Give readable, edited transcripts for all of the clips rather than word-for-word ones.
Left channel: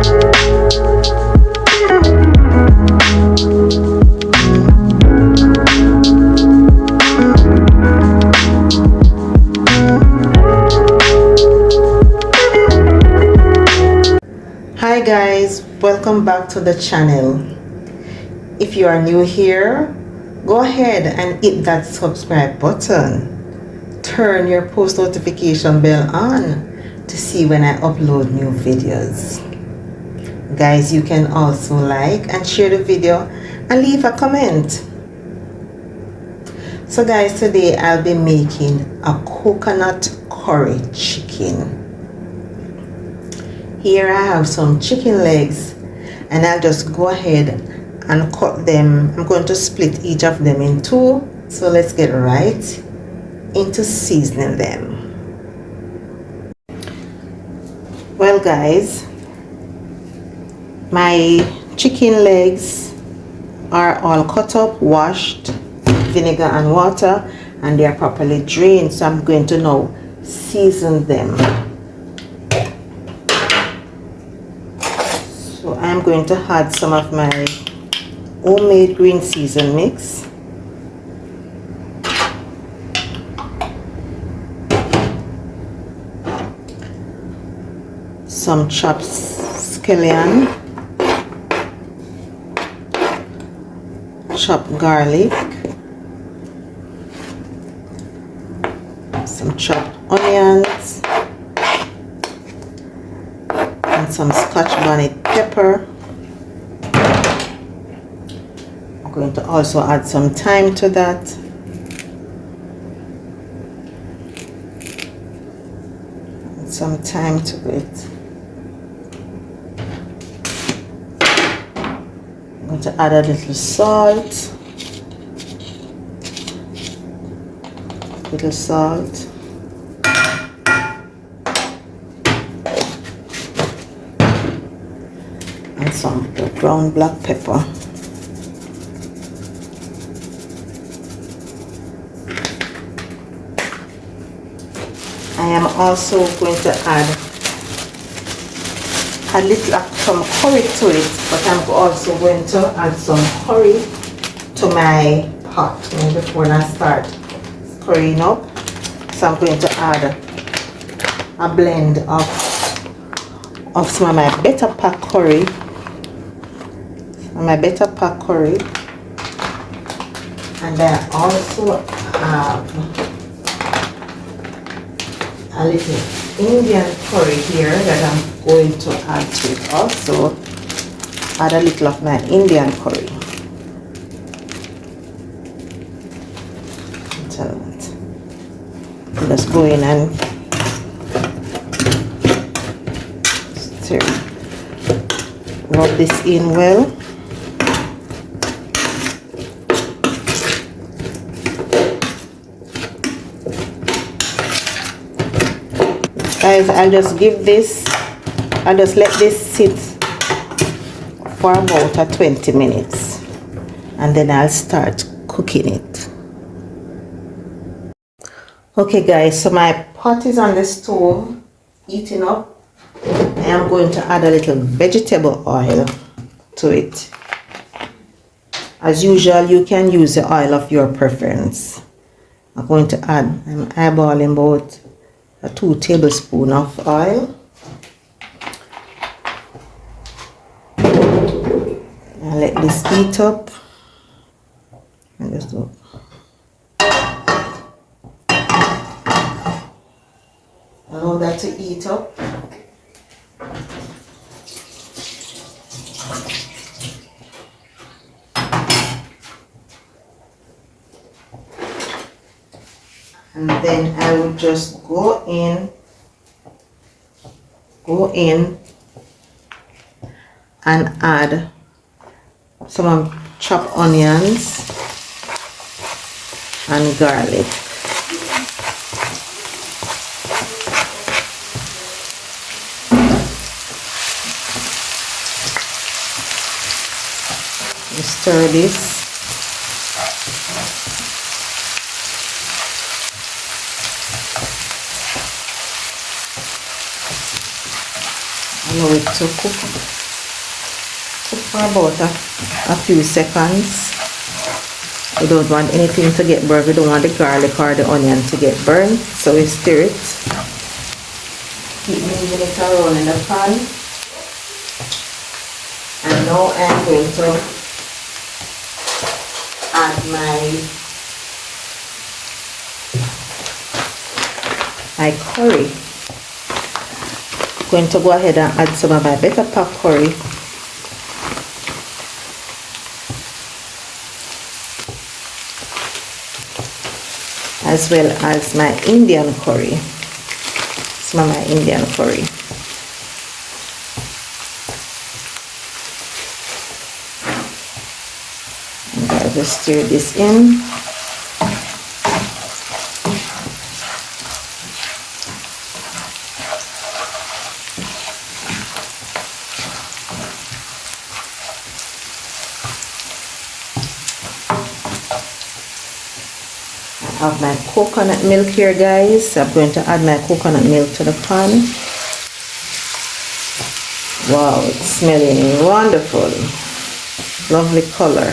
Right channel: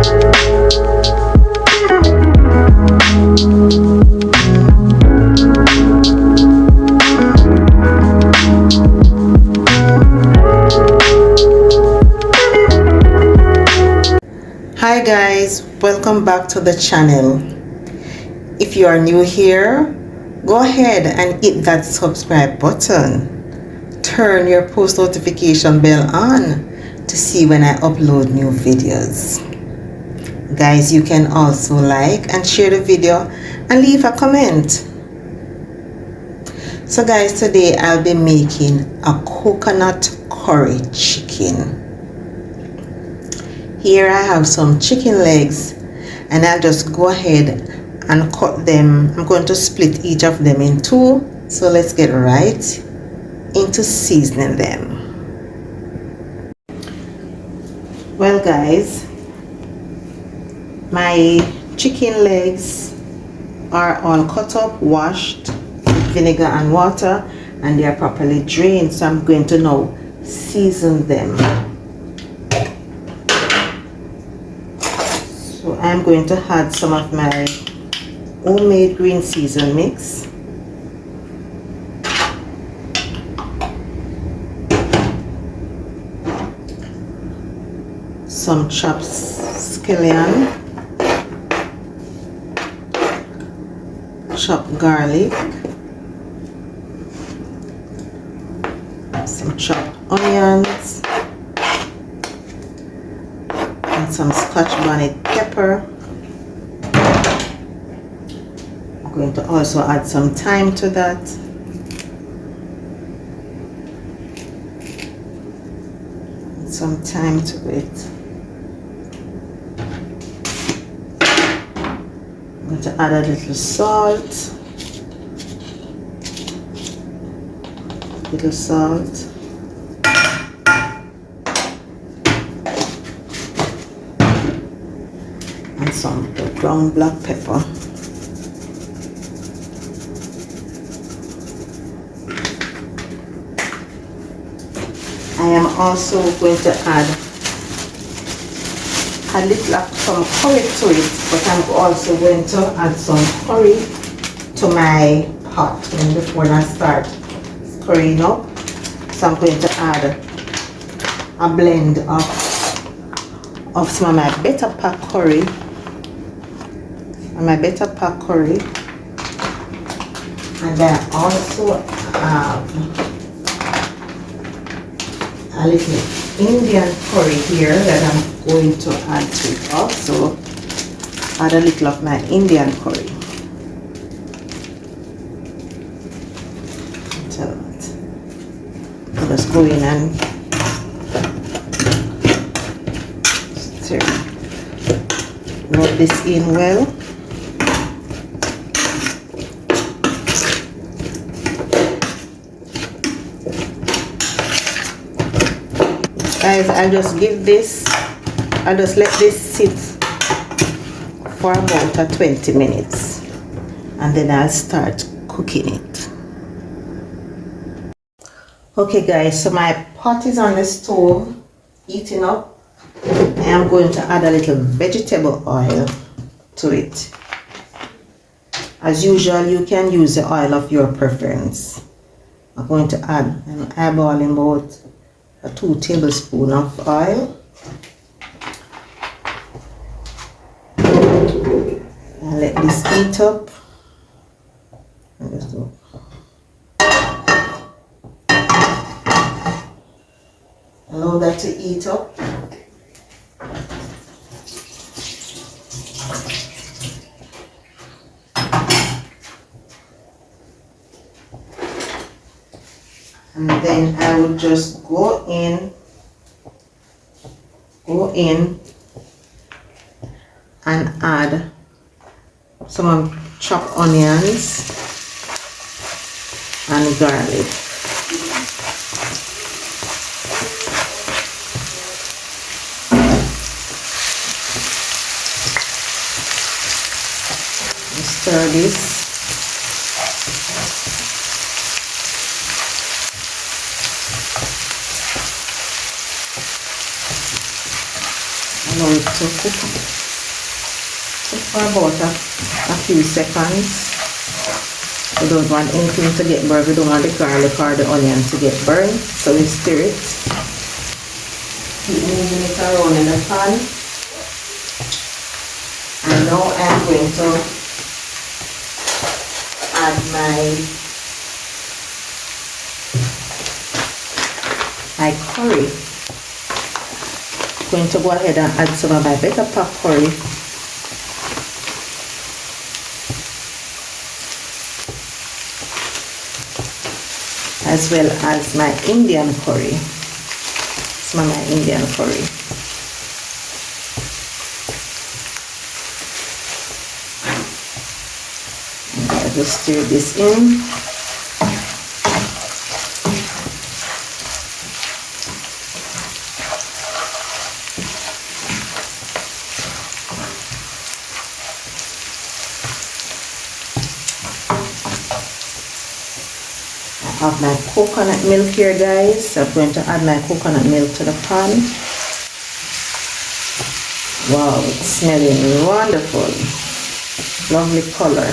Hi guys, welcome back to the channel. If you are new here, go ahead and hit that subscribe button. Turn your post notification bell on to see when I upload new videos. Guys, you can also like and share the video and leave a comment. So guys, today I'll be making a coconut curry chicken. Here I have some chicken legs and I'll just go ahead and cut them. I'm going to split each of them in two. So let's get right into seasoning them. Well guys, my chicken legs are all cut up, washed with vinegar and water, and they are properly drained. So I'm going to now season them. So I'm going to add some of my homemade green season mix. Some chopped scallion, chopped garlic, some chopped onions, and some Scotch bonnet pepper. I'm going to also add some thyme to that. Add some thyme to it. I'm going to add a little salt. Little salt. And some ground black pepper. I am also going to add a little of some curry to it, but I'm also going to add some curry to my pot before I start currying up. So I'm going to add a blend of some of my better pack curry. And I also have a little Indian curry here that I'm going to add to it also. Add a little of my Indian curry. So I'm just go in and stir. Rub this in well. Guys, I'll just let this sit for about 20 minutes and then I'll start cooking it. Okay guys, so my pot is on the stove heating up. I am going to add a little vegetable oil to it. As usual, you can use the oil of your preference. I'm going to add, I'm eyeballing about 2 tablespoons of oil. And let this heat up. Allow that to heat up. And then I will just go in and add some chopped onions and garlic. Stir this. allow it to cook for about a few seconds. We don't want anything to get burned. We don't want the garlic or the onion to get burned, so we stir it. Keep moving it around in the pan. And now I'm going to add my curry. I'm going to go ahead and add some of my better pack curry. As well as my Indian curry. Some of my Indian curry. And I'll just stir this in. I have my coconut milk here, guys. I'm going to add my coconut milk to the pan. Wow, it's smelling wonderful. Lovely color.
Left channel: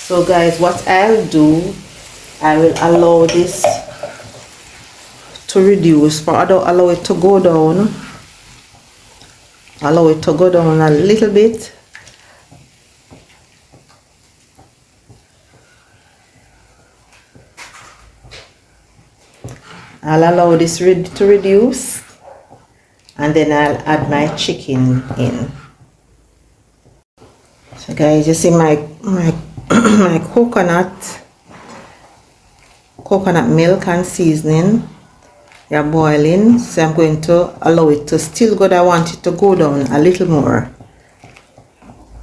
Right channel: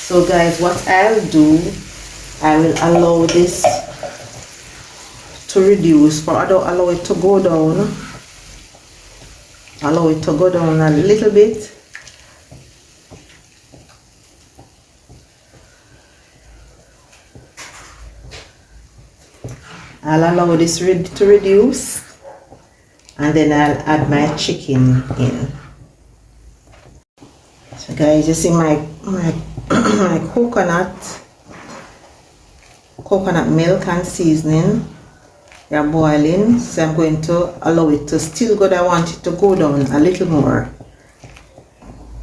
So guys, what I'll do, I will allow this to reduce, but I don't allow it to go down. Allow it to go down a little bit. I'll allow this to reduce, and then I'll add my chicken in. So guys, you see my my coconut milk and seasoning, they're boiling. So I'm going to allow it to still go. I want it to go down a little more.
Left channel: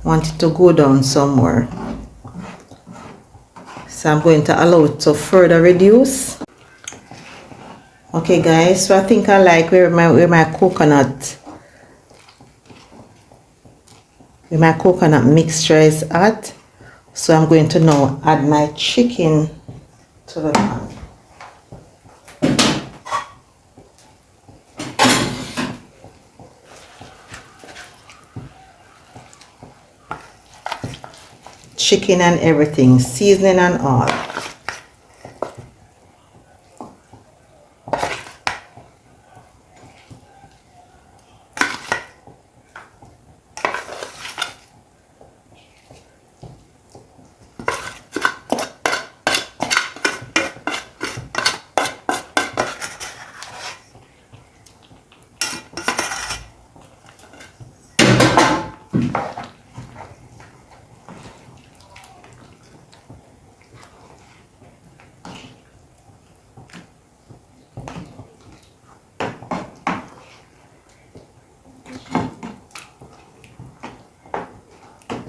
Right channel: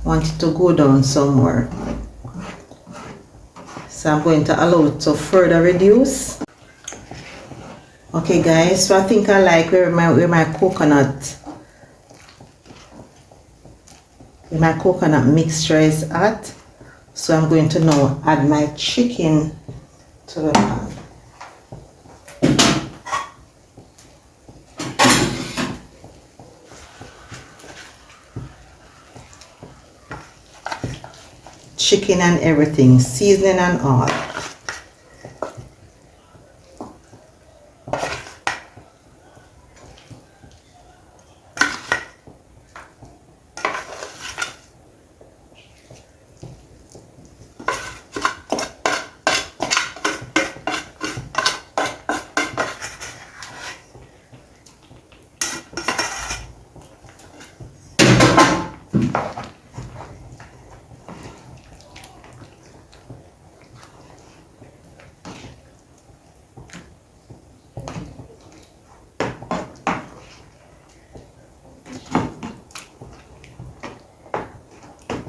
Want it to go down some more. So I'm going to allow it to further reduce. Okay guys, so I think I like where my coconut mixture is at. So I'm going to now add my chicken to the pan. Chicken and everything, seasoning and all.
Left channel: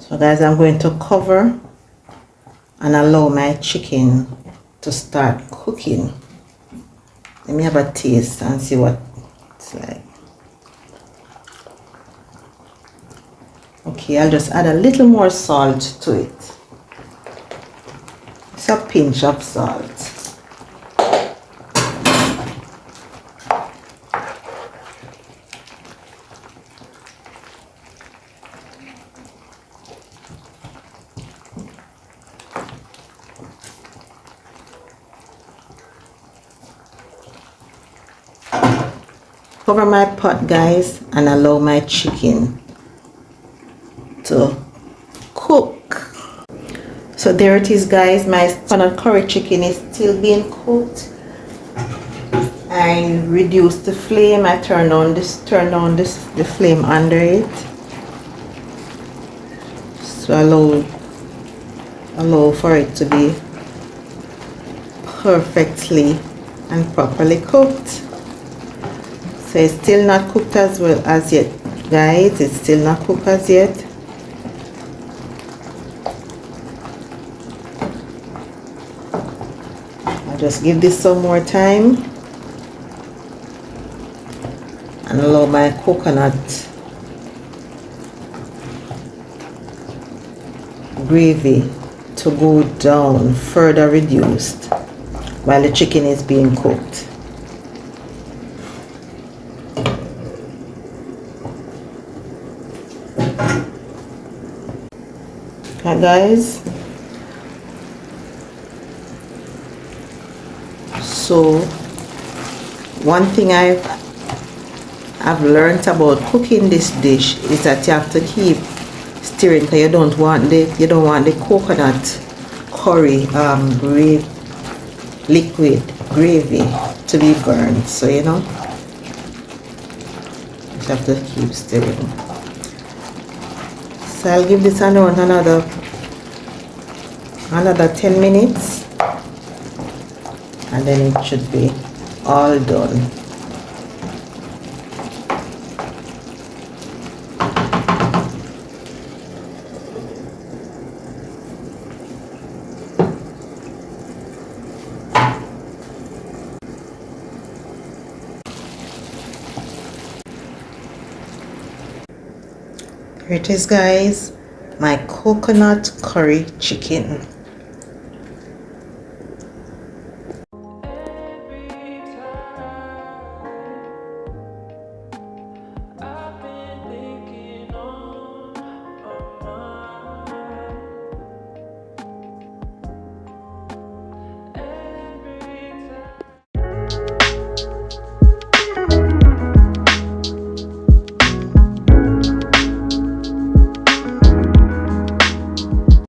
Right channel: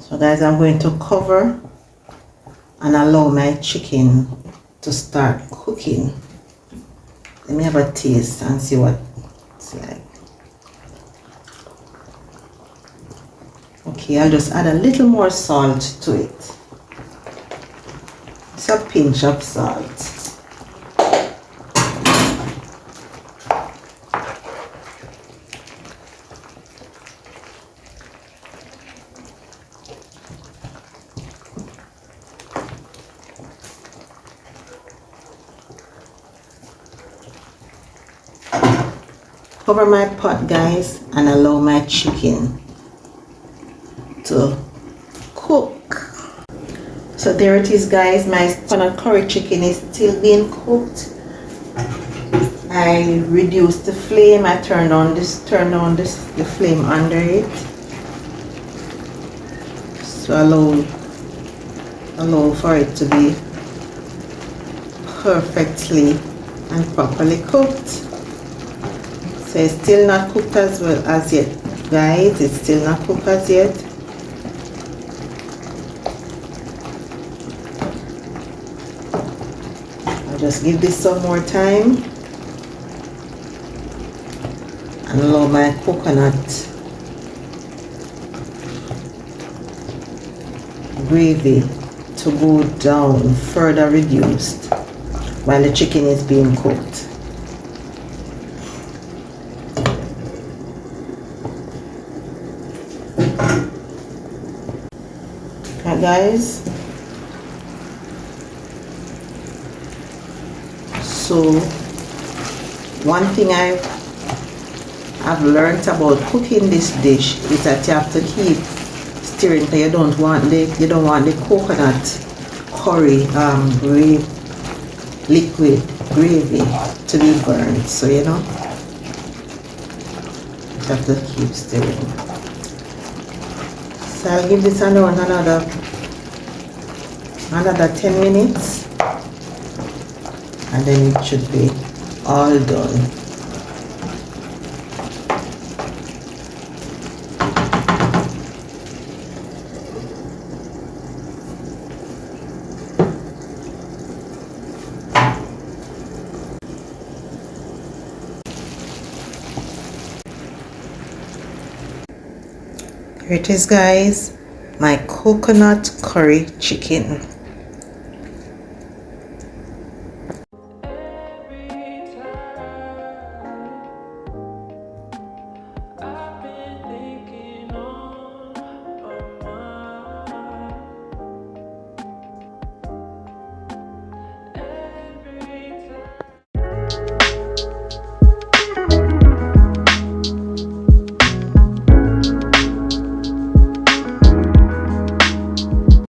So guys, I'm going to cover and allow my chicken to start cooking. Let me have a taste and see what it's like. Okay, I'll just add a little more salt to it. It's a pinch of salt. Cover my pot, guys, and allow my chicken to cook. So there it is, guys. My coconut curry chicken is still being cooked. I reduced the flame. I turned on the flame under it. So allow for it to be perfectly and properly cooked. So it's still not cooked as well as yet, guys. It's still not cooked as yet. I'll just give this some more time and allow my coconut gravy to go down, further reduced, while the chicken is being cooked. guys, so one thing I've learned about cooking this dish is that you have to keep stirring because you don't want the coconut curry liquid gravy to be burned. So you have to keep stirring. So I'll give this another 10 minutes and then it should be all done. Here it is, guys, my coconut curry chicken.